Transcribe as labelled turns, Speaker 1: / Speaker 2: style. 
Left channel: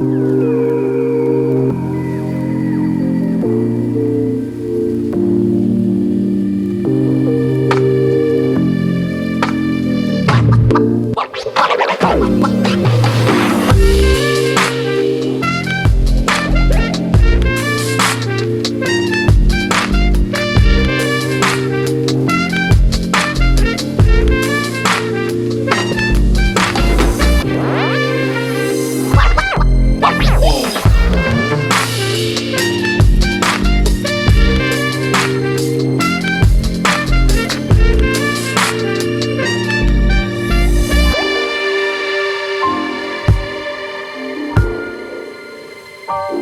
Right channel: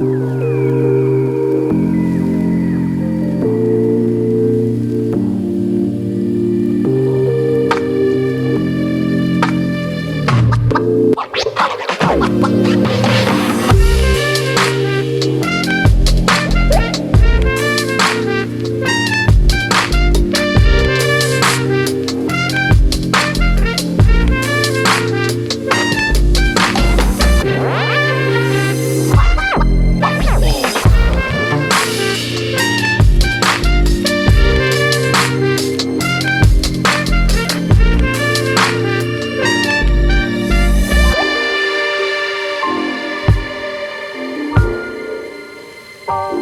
Speaker 1: What? small